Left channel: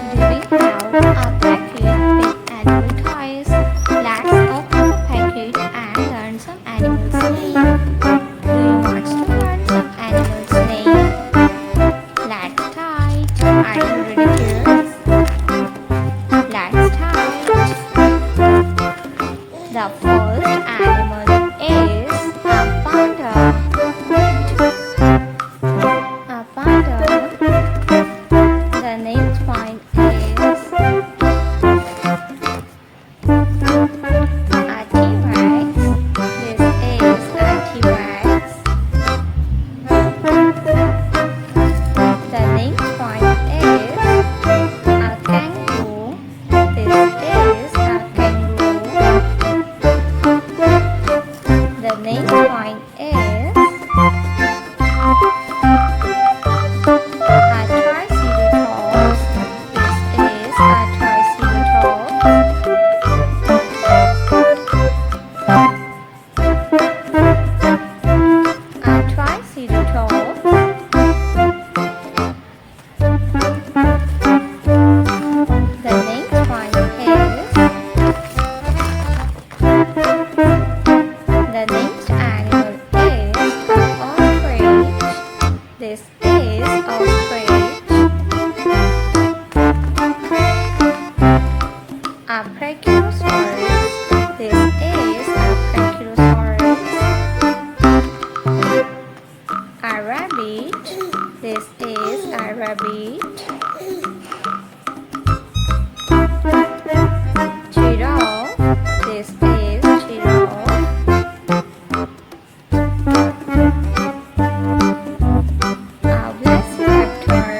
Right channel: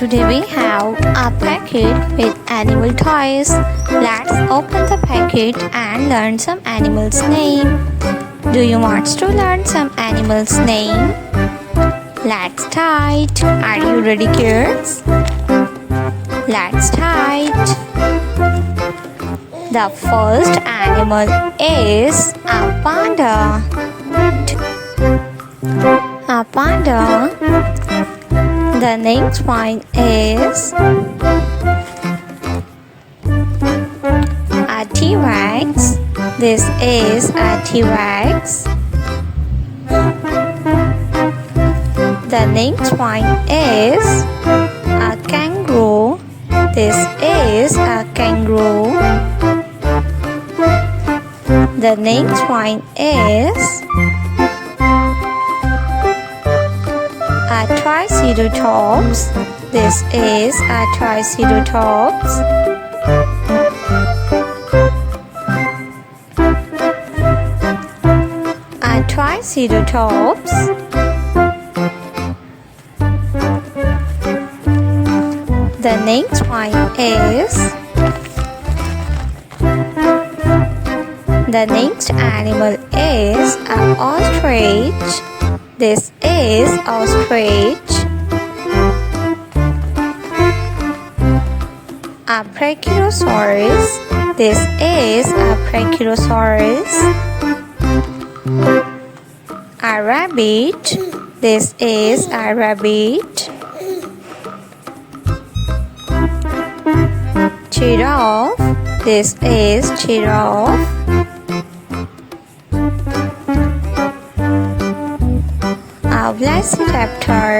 Today we have a packet with animal toys. Let's open the packet and learn some animals' name. Do you want to learn some animals' name? Let's start. Are you ready, kids? Let's start. The first animal is a panda. A panda. The next one is a T-Rex. This is a T-Rex. The next one is a kangaroo. This is a kangaroo. The next one is a triceratops. This is a triceratops. A triceratops. The next one is the next animal is an ostrich. This is ostrich. A brachiosaurus. This is a brachiosaurus. A rabbit. This is a rabbit. Giraffe. This is giraffe. A velociraptor.